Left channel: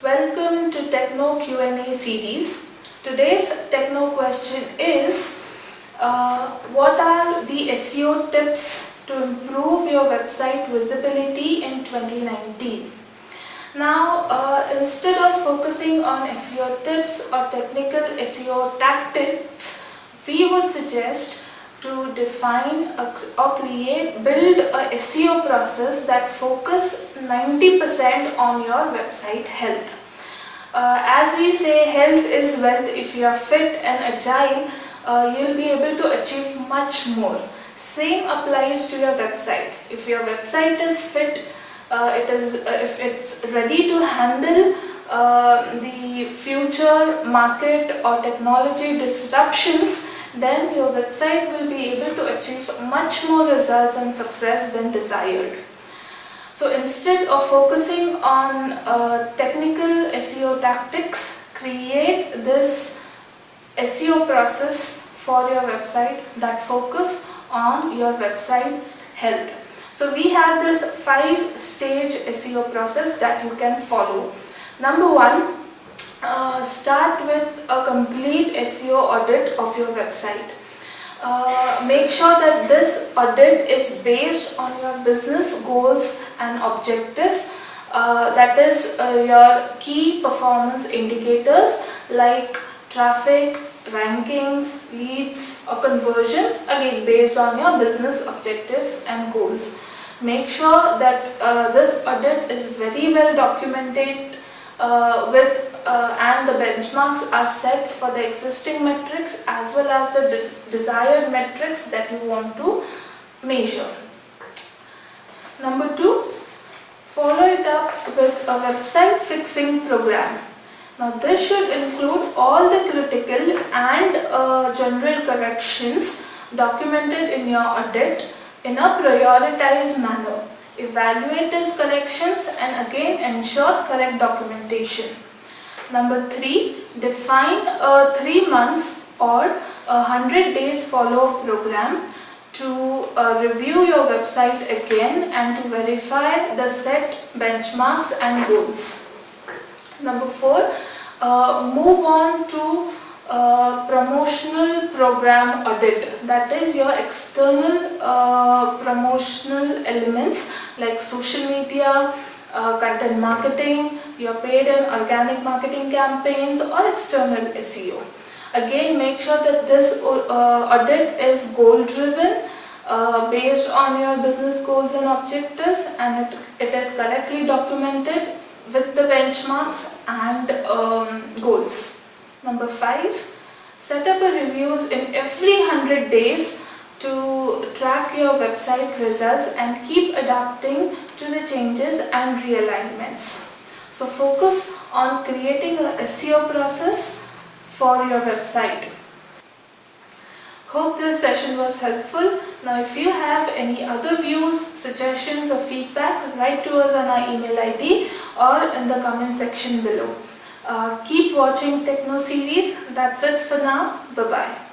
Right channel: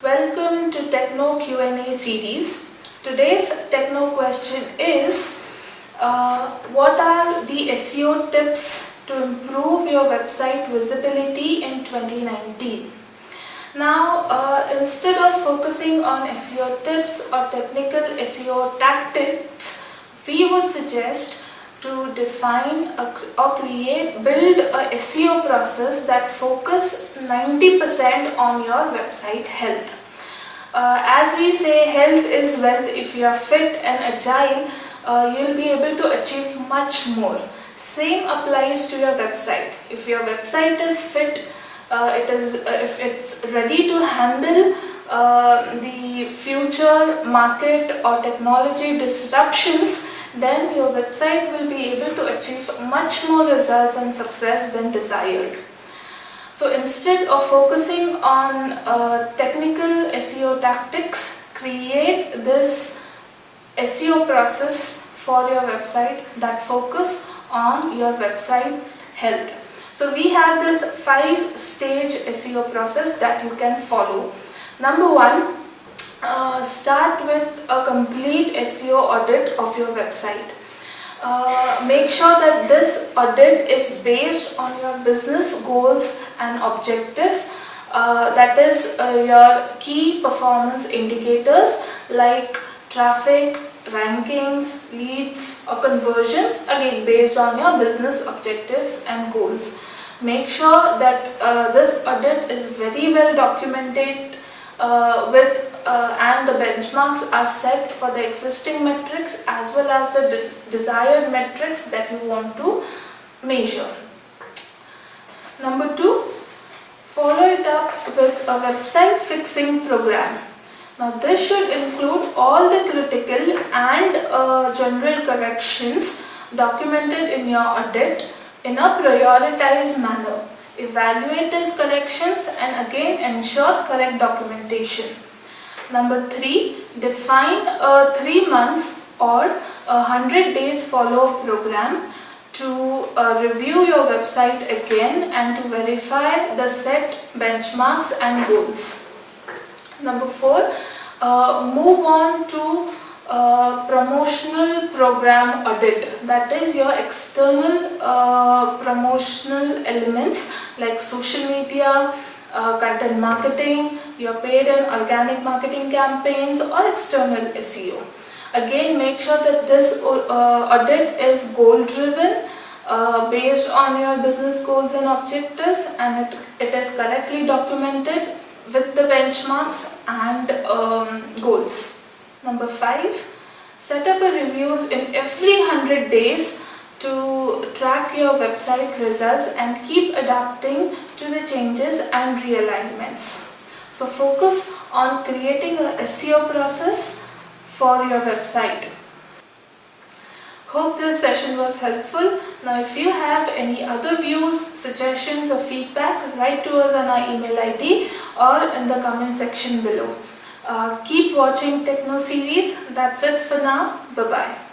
Welcome to Techno Q&A series. Today's Techno question is what are the SEO tips to improve your website visibility in 2019? Now, instead of focusing on SEO tips or technical SEO tactics, we would suggest to define build a SEO process that focus 90% on your website health. As we say, health is wealth. If you are fit and agile, you'll be able to achieve much more. Same applies to your website. If your website is fit, if it's ready to handle the future market or technology disruptions, then your website will be able to achieve much more results and success than desired. So instead of focusing on technical SEO tactics, create this SEO process for your website that focus on your website health. So we have this 5-stage SEO process that you can follow. Number 1, start with a complete SEO audit of your website. Make sure that this audit is based on your business goals and objectives, that is your key performance indicators like traffic, rankings, leads or conversions, again based on your business objectives and goals. Make sure that this audit is very well documented and the benchmarks are set for the existing metrics as well as the desired metrics that you want to measure. Number 2, follow it up with a website fixing program. Now this should include all the critical and general corrections documented in your audit in a prioritized manner. Evaluate these corrections and again ensure correct documentation. Number 3, define a 3 months or 100 days follow-up program to review your website again and to verify the set benchmarks and goals. Number 4, move on to promotional program audit, that is your external promotional elements like social media, content marketing, your paid and organic marketing campaigns or external SEO. Again, make sure that this audit is goal driven, based on your business goals and objectives, and it is correctly documented with the benchmarks and goals. Number 5, set up a reviews in every 100 days to track your website results and keep adapting to the changes and realignments. So focus on creating a SEO process for your website. Hope this session was helpful. Now if you have any other views, suggestions or feedback, write to us on our email ID or in the comment section below. Keep watching Techno series. That's it for now. Bye-bye.